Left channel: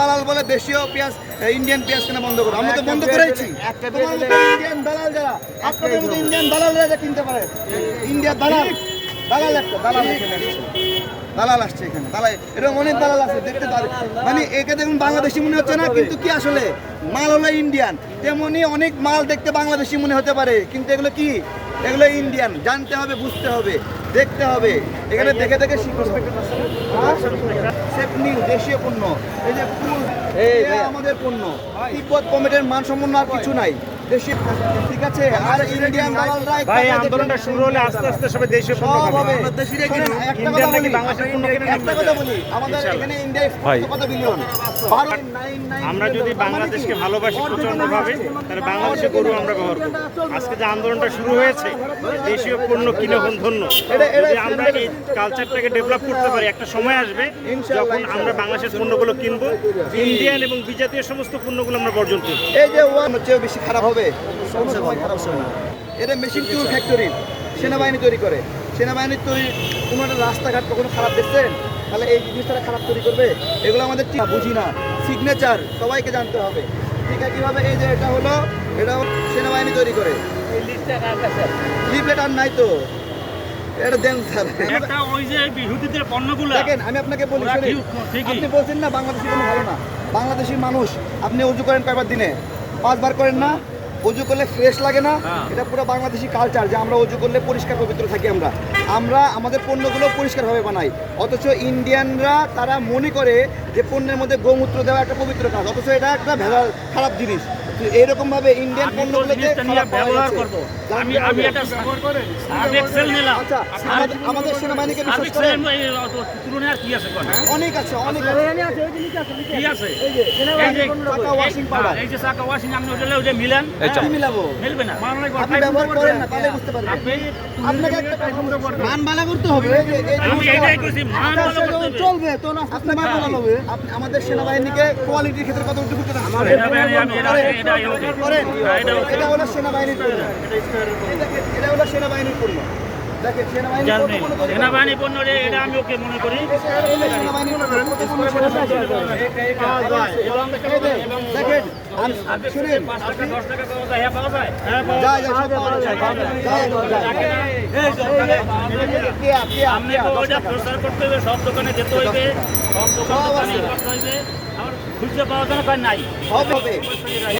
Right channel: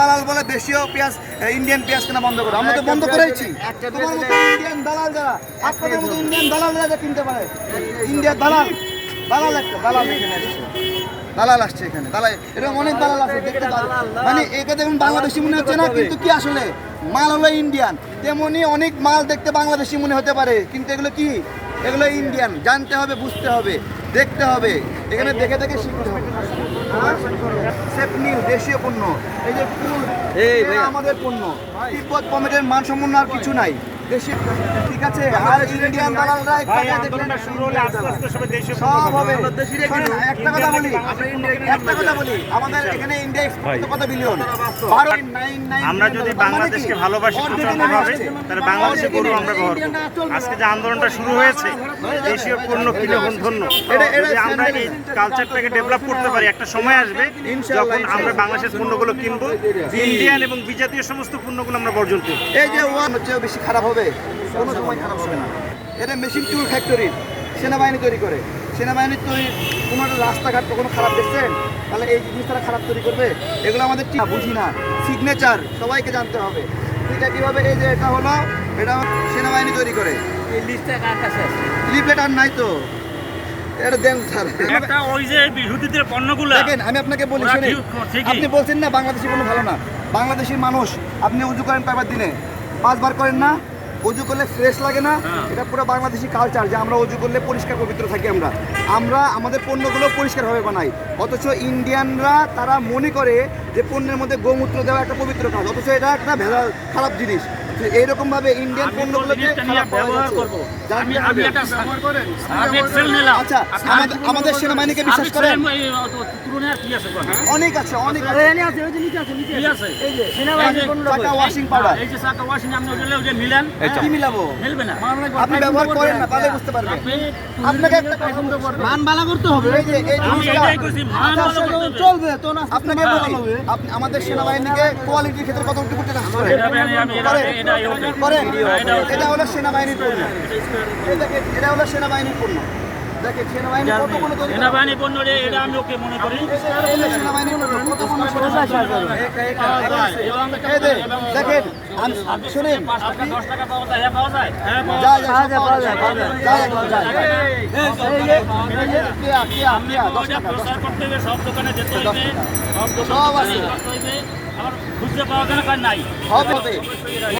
দালাল বলে দেশীয় পেঁয়াজ ইন্ডিয়ান পেঁয়াজ কেনা বন্ধ করো। আমরা তো বন্ধ করেছি। তোমার মতো ইন্ডিয়ান দালাল যারা, আপনাদের মতো ইন্ডিয়ান দালাল যারা কিনতে পারে, ইন্ডিয়ার দালাল একটা দালাল এখানে আসছে, দালাল আসছে এখানে, দালাল এরকম অনেক দালাল আছে দেখতে। মানে একে দেখুন বাংলাদেশি মনে হচ্ছে না, কিন্তু কি আসলে মাল হলো ইন্ডিয়ান। তেমনি অনেক মাল দেখতে বাংলাদেশি মনে হতে পারে, কিন্তু এগুলো কি, এগুলো ইন্ডিয়ান। জানতে হবে, বুঝতে হবে, দেখতে হবে, এখানে দেখে দেখে শিখতে হবে। সেফ নিউ দেশীয় পণ্য, এই যে ফুল আমাদের পণ্য, তিব্বত কমেটের মানসম্পন্ন আর কিছু নাই দেশীয়, ঠিক আছে। আর ইন্ডিয়ান দালালরা সব হবে। একটা কথা বলি, আমাদের এখানে ইন্ডিয়া কত বিলিয়ন। আমরা যদি বাংলাদেশকে ভালোবাসি প্রচন্ডভাবে, তাহলে বাংলাদেশের গরু আমরা ব্যবহার করব। আজকে যে আন্দোলনটা শুরু হয়েছে, দেশীয় পণ্য কিনে ধন্য, যদি আমরা এই কালচারটাকে ডেভেলপ করতে পারি, একটা সময় আসবে যখন আমরা বাংলাদেশের পণ্যগুলো কিনবো, ইন্ডিয়ান এবং বিজাতীয় সমস্ত পণ্যগুলো আমরা বর্জন করব। এই যে ওয়ান হচ্ছে বেশি খারাপ হবে, কোনো সময় খারাপ হবে না। এটা মেশিন টুল ফ্যাক্টরি, সেনাবাহিনী তৈরি করে। সেনাবাহিনীর তৈরি কোনো একটা রাস্তাঘাট কখনো খারাপ দেখছেন? তাহলে এই জিনিসটা খারাপ তৈরি করবে? এগুলো আমাদের ঠিক বুঝি না। সিগনেচার সবাইকে জানতে হবে, ঠিক আছে কীভাবে। এই যে এটা হলো, এটা সেনাবাহিনী তৈরি করে। লিফলেট আর নাই তো, এটা দেন স্যার। একটা ওই যে বিহুতিদের পণ্যগুলো দেখেন, আমি আপনাকে বলি, আপনি বলছেন না বাংলাদেশি পণ্য ভালো না। বাংলাদেশি মানুষ, আপনি উজু করেন কয়বার দিনে? 5 বার করেন না? অজু করলে ফ্রেশ লাগে না? এটা পুরো বাংলাদেশি কালচার যে আমরা অজু করলে পরিষ্কার পবিত্র থাকি। আমরা আমাদের পণ্যগুলো পরিষ্কারভাবে বানাই, অথচ ইন্ডিয়ানরা তারা মনে করে যে পণ্যের মধ্যে গোমূত্র দেওয়া একটা পবিত্র কাজ, অথচ এটা একটা ভেজাল খারাপ জিনিস। এইরকম ভাবে ইন্ডিয়ান পণ্যগুলোকে খারাপ পাওয়া যাচ্ছে। আচ্ছা, আমাদের সেনাবাহিনীকে বিশ্বাস করেন? অনেক আছে, অনেক আছে। ওয়াশিং পাউডার কি মিলাবো? আপনি ব্যবহার করেন না, তাহলে বুঝতে পারবেন। আপনাকে একটা পছন্দ করবে, মান ভালো করতে হবে। চলবে তো না, আপনি মান ভালো হবে। আপনি আমাদের সেনাবাহিনীকে কোয়ালিটির ক্ষেত্রে কতটুকু করতে রাখতে করেন? এটা হলো সেনাবাহিনীর পণ্য, এটা হলো সেনাবাহিনীর পণ্য। দেখেন সেনাবাহিনীর কত পণ্য তৈরি করে। সেনাবাহিনী পণ্য এটা আমি ওকে মনে করি। সেনাবাহিনীর কত পণ্য দেখেন, শুনেন, 10 টাকা পাওয়া যায়, পাওয়া যায়। সব দোকানে যেতে হইবে, সব আছে, খুঁজতে পাওয়া যায় না, নাই সব হবে।